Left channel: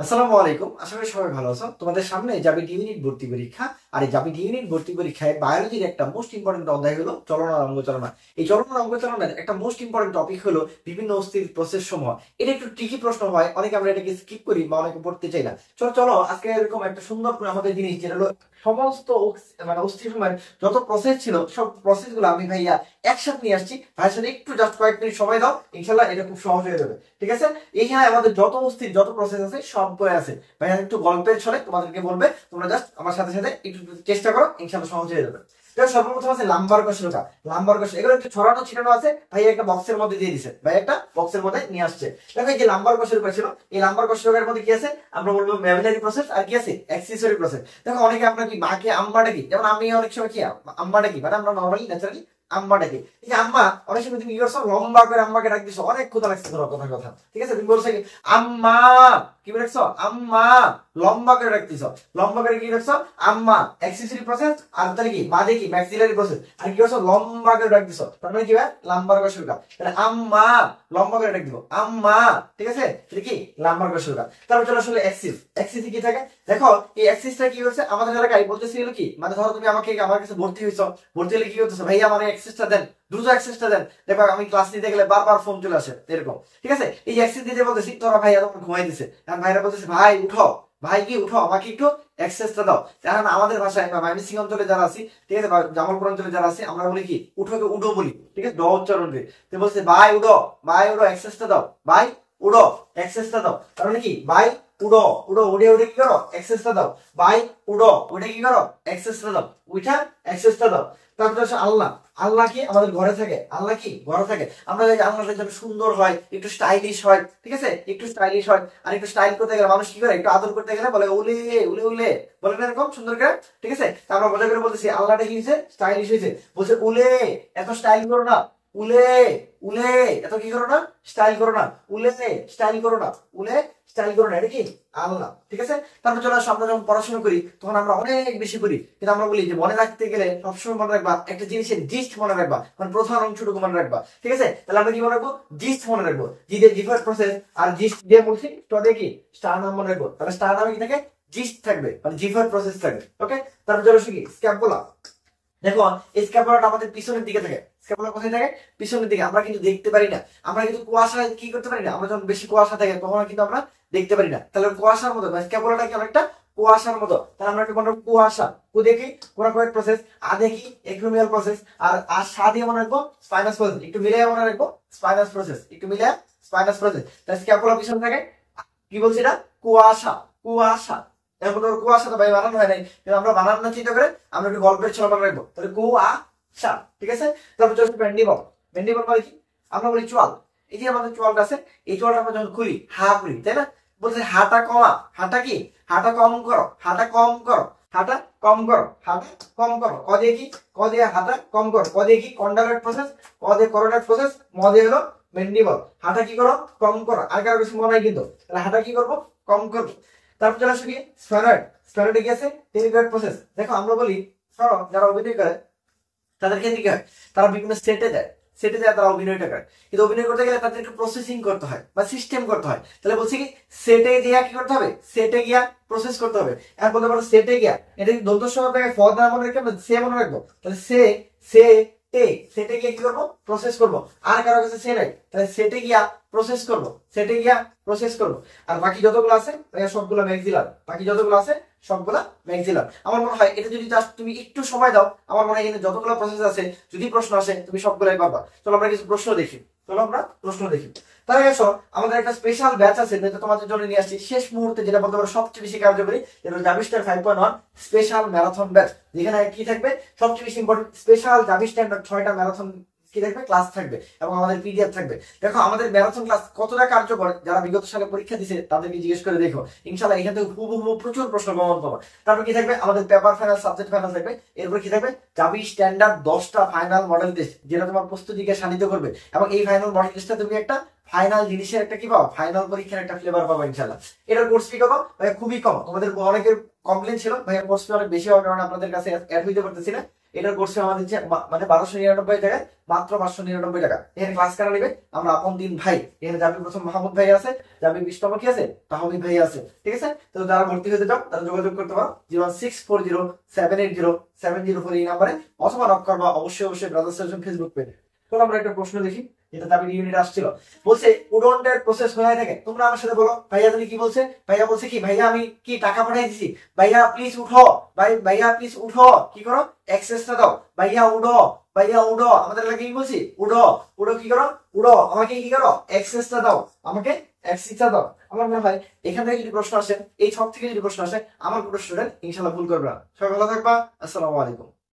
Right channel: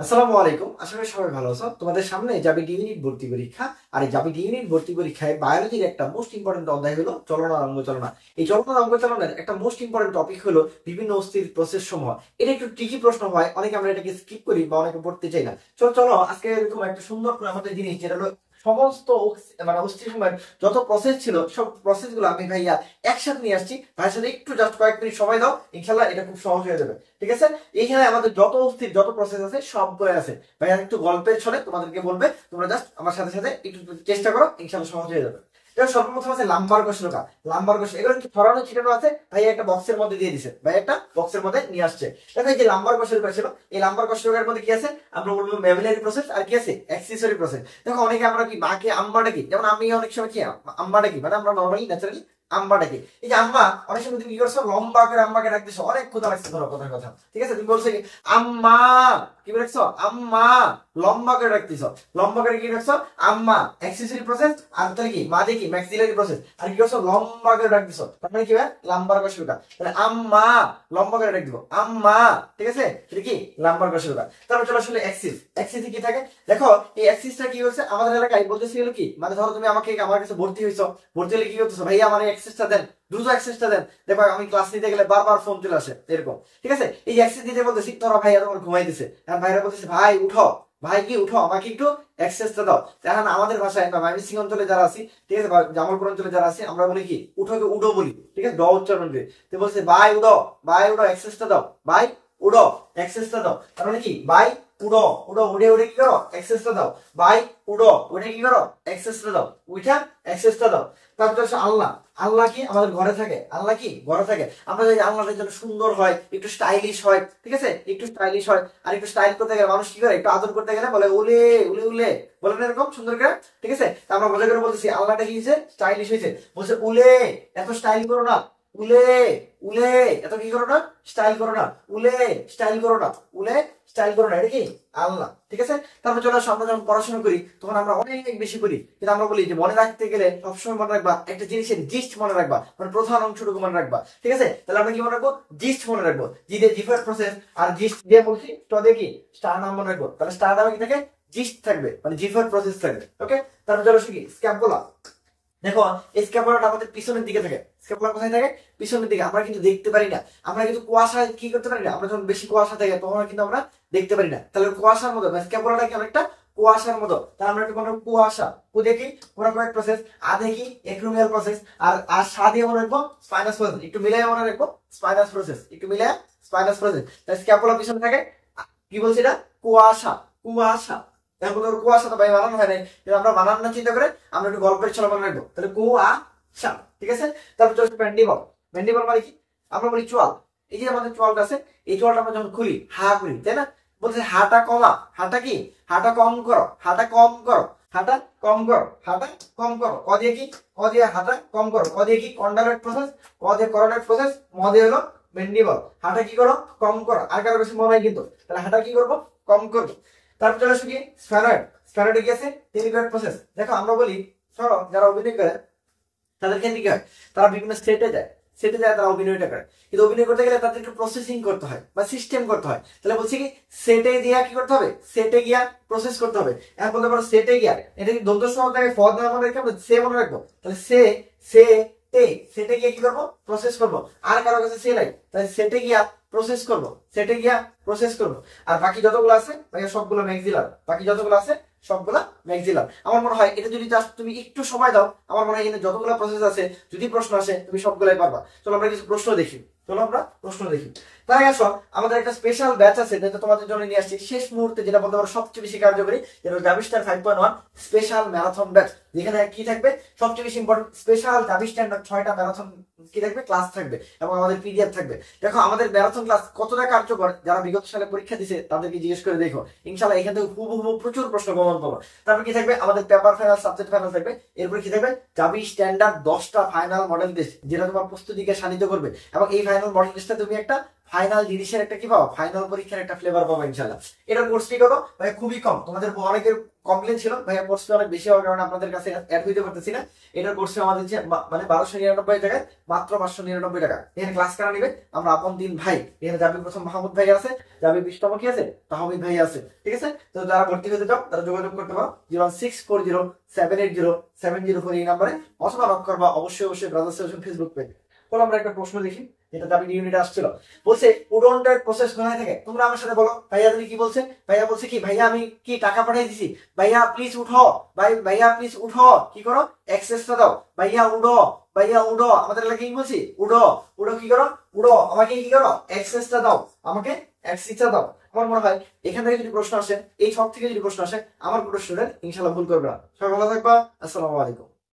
আসসালামু আলাইকুম। আশা করি সবাই ভালো আছো। তোমাদের সামনে জাবিট ইউনিট ভর্তি পরীক্ষা। আর এই জাবিট ইউনিট ভর্তি পরীক্ষায় বায়োলজির একটা মোস্ট ইম্পর্টেন্ট অধ্যায় হলো চলন আর অঙ্গ চালনা। এই চলন আর অঙ্গ চালনার একটা মোস্ট ইম্পর্টেন্ট টপিক হলো বিভিন্ন অস্থির প্রসেস সমূহ। এটা একটু ট্রিকি প্রশ্ন হয়, অনেকে আমরা এটাকে স্কিপ করি বা অনেকে পড়তে চাই না। চলো চলো আজকে এরকম একটা সুন্দর করে আমাদের জিনিস, যেটা হলো সমস্ত অস্থির সময়ের যত প্রসেস ছিল সব প্রসেস গুলো আমি ভাইয়া একসাথে নিয়ে আসছি। ভাইয়ের সাথে একটু জাস্ট কয়েক মিনিট সময় দাও, ইনশাল্লাহ এটা খুব সহজ হয়ে যাবে। ঠিক আছে, এইখানে আমাদের যত অস্থির যত প্রসেস আছে সবগুলো আছে। ভাইয়া একটু গল্পের ছলে তোমাদেরকে বলবে, তোমরা জাস্ট আমার সাথে সাথে একটু চেষ্টা করো, ইনশাল্লাহ সহজ হয়ে যাবে। সর্বপ্রথম আছে লাম্বার কশলকা। লাম্বার কশল এগুলো একটু ছড়ানো ছিটানো আছে, ভাই একটা বক্সের মধ্যে দিয়ে দিছে, ভাই একটা বক্সের মধ্যে নিয়ে আসছে। দেখো এই যে লাম্বার কশলকা ছিল, এই লাম্বার কশলকার মধ্যে কি আছে আমরা বলবো ম্যামিলারি প্রসেস, আর কি আছে অ্যাক্সেসরি প্রসেস। দেখো অনেকে আমরা কি মাকে আম্মা ডাকি, যেমন আমি অনেক সময় কি আম্মা ডাকি, মানে আমরা নর্মালি ন্যাচারালি আম্মা ডাকি। এই যে আম্মা, অনেক সময় তুমি কি করছো লম্বা করে আম্মাকে ডাক দিছো, অনেক ক্ষুধা লাগছে ধরো কথা কথা, ঠিক আছে, তুমি বলছো কি আম্মা, কি বলেছো আম্মা, লম্বা করে রাখতেছ, লম্বা করে কি রাখছো আম্মা, অ্যাক্সেসরি প্রসেস। আর তাহলে কি মা দেখি ম্যাক্সিলারি প্রসেস, আর কি করছো লম্বা করে ডাক দিছো, তার মানে কি ভাই লাম্বার কশলকা। তাহলে আম্মা লম্বা করে ডাক দিব আম্মা, ঠিক আছে, এটা কি লাম্বার কশলকা। তারপর চলো আসলে অ্যাক্সিস। অ্যাক্সিসে কি থাকে দেখো, এই অ্যাক্সিসটা কি হচ্ছে আমাদের এলাকায় বলতেছিল কি, মানে ধরো তুমি আমার কাছে ভর্তি হইছো, ভর্তি হলে কি করতেছো ভাইয়া আমার অ্যাক্সেসটা দেন, দ্রুত অ্যাক্সেসটা দেন। দেখো আমি ক্লাস নিতে গেলে বারবার ফোন চলে আসে এরকম, ঠিক আছে। এই অ্যাক্সেস দিতে বলতেছি, তোরা ভাইয়া তোমার ঘুমাই দিছে, এখন ভাইরা বলতেছে ভাই উঠো, ভাই কি উঠো আমাকে একটু অ্যাক্সেসটা দাও। এখন আমাদের ভাষায় বা ময়মনসিংহ অঞ্চলে যারা আছি, ঠিক আছে, বা জামালপুর অঞ্চলে যারা আছি, আমরা বলি কি উঠোকে উডো বলি, ঠিক আছে, ড উচ্চারণ দিয়ে। তো বলছে ভাই উডো, ভাই উডো অ্যাক্সেসটা দাও, ভাই উডো অ্যাক্সেসটা দাও। তার মানে কি ভাই উডো, উডো উড়ে উড়ে কি করো অ্যাক্সেসটা দাও, ভাই উডো উঠে কি করো অ্যাক্সেসটা দাও, উঠা অ্যাক্সেসটা দাও। তারপর হচ্ছে আল্লাহ। আল্লাহ কি আমাদের ঘরে থাকে, আল্লাহ কি ঘরে থাকে। আমরা যদি আল্লাহটা যেন সুন্দর হয়, একটু স্টাইলিশ হয়, ঠিক আছে, একটু স্টাইলিশ হয়। আর একটু স্টাইল করতে গেলে মানুষ কি করে, একটু আদর করতে গেলে বলে উলে উলে উলে, বলে না এরকম সুন্দর করে, ঠিক আছে। আমরা মজা করে বলতেছি আল্লাহটা কি হয়েছে স্টাইলিশ হয়েছে, বলছে উলে এত স্টাইল করো না, উলে উলে এত কি করো না স্টাইল করো না, উলে স্টাইল করো না, উলে স্টাইল করো না, এটা কি আল্লাহ, ঠিক আছে। তারপর চলে আসো, আমরা যখন পড়াশোনা করি তখন আমরা অনেক বেশি করি, কিন্তু আমরা বলি যে মনে রাখতে গেলে সবসময় মনে রাখবা একটা জিনিসের জিস্ট মনে রাখবা, মানে প্রধান অংশটুকু মনে রাখবা, ঠিক আছে। তাহলে আমরা কি মনে রাখবো জিস্ট মনে রাখবো, জি দিয়ে জিফার প্রসেস, আর জিস্ট দিয়ে বলছি ট দিয়ে কি স্টার নাম মনে রাখবো। তাহলে স্টার নামে কি থাকে জিস্ট থাকবে, মানে জিফার প্রসেস থাকবে, ওকে। তারপর চলো কি স্ক্যাপুলা। দেখো এই স্ক্যাপুলাটা আমাদের পিছনের দিকে থাকে, স্ক্যাপুলা কোথায় থাকে পিছনের দিকে, আমরা কিন্তু দেখতে পারি না, আমরা কিন্তু কুয়াশা কি করতে পারি না, আমরা যখন বেশি কুয়াশা থাকে তখন কিন্তু আমরা দেখতে পারি না। তাহলে কুয়াশার মতো স্ক্যাপুলাটা কি অনেকটা কুয়াশার মতো, তাহলে আমরা কি মনে রাখবো কুয়াশা, কু দেখি কোরাকয়েড প্রসেস, আ দেখি এক্রোমিয়াল প্রসেস, আর সা দিয়ে মনে রাখবো স্পাইনাস প্রসেস, একটু মিলিয়ে মনে রাখবো স্পাইনাস প্রসেস, একটু মিলিয়ে স্পাইনাস প্রসেস। তাহলে স্ক্যাপুলা পিছনে থাকে, কি বলছি এটা কুয়াশা, কুয়াশা। এখন তোর কুয়াশা তো ভাই বানানো হয় নাই, কিন্তু আমরা বানান না চিন্তা করে আমরা একটু গল্পের ছলে মনে রাখবো, তাহলে কুয়াশা, ঠিক আছে। তারপর চলছে ম্যান্ডিবল। ম্যান্ডিবল মানে কি আমরা বলি চোয়াল। এই যে আমাদের চোয়ালটা আছে, এই চোয়ালটা আমরা যখন খুলি হা করি, তাই না, বলছে হাটা কমা, হাটা কি হাটা কম করো, হাটা কম করো, হাটা কম করো, হাটা কম করো। ক দিয়ে কি ক দিয়ে হাটা কম করো, ক দিয়ে কি কন্ডালেট প্রসেস, ক দিয়ে করোনেট প্রসেস, ম দিয়ে হলো ম্যান্ডিবল। হাটা কি করো কম করো, আর কারো বেশি মনে হয় কিন্তু, তাহলে হাটা কি করবো কম করবো। তারপর চলে আসো কি স্ফেনয়েড। স্ফেনয়েডে কি আছে টেরিগয়েড প্রসেস। দেখো আমরা বলি ধরো যারা অভিনয় করে তাদের ক্ষেত্রে কি হয়, তারা বিভিন্ন সেটে যায়, সেটে যায় তারা অভিনয়টা করে, কিন্তু অভিনয় করতে গেলে তাদেরকে প্রসেসিং করতে হয় বা সিস্টেম করতে হয়। তাহলে বলছি কি সেটে গিয়া কি করতে হবে, সেটে গিয়া প্রসেস করতে হবে। এখন বলতে পারো সেটে গিয়া, এটা কি দন্ত সহ থাকে ফ দ্বারা মনে রেখে আমরা সে মনে রাখবো, তাহলে সে টে সেটে গিয়া কি করবো প্রসেস করবো। আর কারো কাছে সে নাই, তাহলে সেটে গিয়া প্রসেস করবো, সেটে গিয়া প্রসেস করবো। আর বাকি যতগুলো আছে সবগুলো ম্যাক্সিলার, বাকি যতগুলো আছে সবগুলা ম্যাক্সিলার। আমার মনে হয় এটা যদি জাস্ট তুমি একটু সময় দাও, আমার মনে হয় এখানে যতগুলো প্রসেস আছে যদি প্রশ্ন আসে তুমি সবগুলাই পারবা। চলো আমরা কিছু প্রশ্ন দেখি, চলো আমরা প্রশ্ন দেখি। তার আগে আসো আমাদের একটা স্পেশাল ব্যাচ আছে যেটা তোমাদের জন্য নিয়ে আসছি শেষ মুহূর্তে, যেটা বলতে পারো সবচেয়ে বেশি কার্যকরী, যেটা জাভিস্টার 5.1 স্পেশাল ম্যারাথন ব্যাচ, যেখানে কি থাকবে সবচেয়ে বেশি ইম্পর্টেন্ট স্পেশাল জাভিস্টার 6টা ম্যারাথন কি থাকবে ক্লাস থাকবে, এবং আমাদের পিডিএফ থাকবে। দেখো আমাদের ম্যারাথন ক্লাস কতটা কার্যকর, যারা বিগত সালে পরীক্ষা দিছে তাদেরকে জিজ্ঞেস করে দেখো, ইনশাআল্লাহ এখান থেকে হুবহু প্রচুর প্রশ্ন কমন পাবো। তারপর কি থাকবে আমাদের পেপার ফাইনাল সাবজেক্ট ফাইনাল থাকবে। এরপর কি থাকবে জাভি স্ট্যান্ডার্ড 10টা ফাইনাল মডেল টেস্ট, যেটা তোমার প্রস্তুতিকে শানিত করবে, এবং এই ফাইনাল মডেল টেস্টে তুমি একটা ফাইনাল জিনিসের একটা কি পাবো, ফাইনাল পরীক্ষার একটা ফ্লেভার পাবো ইনশাল্লাহ। এটার কোর্স ফি কত ভাই? খুবই কম। তোমাদের অনেকের কমপ্লেন ছিল ভাইয়া কোর্স ফি অনেক বেশি হওয়ার কারণে আপনাদের কাছে অ্যাড হইতে পারতেছি না। এটার কোর্স ফি আমাদের মানে 1299 টাকায় মাত্র 599 টাকা। এখানে ক্লাস কারা নেবে? আমরা আপন দিন ভাই, এখানে যাবে প্রথম মাহমুদ ভাই আছে, যাবে 20তম কি আছে, তাহমিদ ভাই আছে, ঠিক আছে। তো যারা ভর্তি হতে চাও তারা যোগাযোগ করতে পারো 01640780704 এই নাম্বারে, অথবা নক করবা অবশ্যই ব্রাদার্স সেশন ফেসবুক পেজে। তো আমরা একটা প্রশ্ন দেখি, যেটা দাবি ইউনিট আসছিল। বলছে উডন্টের প্রসেস কোথায় থাকে? তোমরা আমার সাথে বলো ভাইয়া তুমি কি বলছে? ভাইয়া বলছে কি, ভাইয়া আমি কি টাকা পাঠিয়ে দিছি, ভাইয়া প্লিজ উঠো, ভাইয়া প্লিজ উঠো, কি করো, অ্যাক্সেসটা দাও, ভাইয়া উঠো, ভাইয়া উঠো। আমাদের এলাকায় কি বলছি, উঠো উঠো, কি করো, উঠো, আমাকে কি করো, অ্যাক্সেসটা দাও, আমাকে অ্যাক্সেসটা দাও। আমার মনে হয় এখান থেকে যদি প্রশ্ন আসে, এই ছক থেকে যদি প্রশ্ন আসে, আমার পুরো স্টুডেন্ট ইনশাল্লাহ ভুল করবে না। সবাই ভালো থাকবা, আসসালামু আলাইকুম।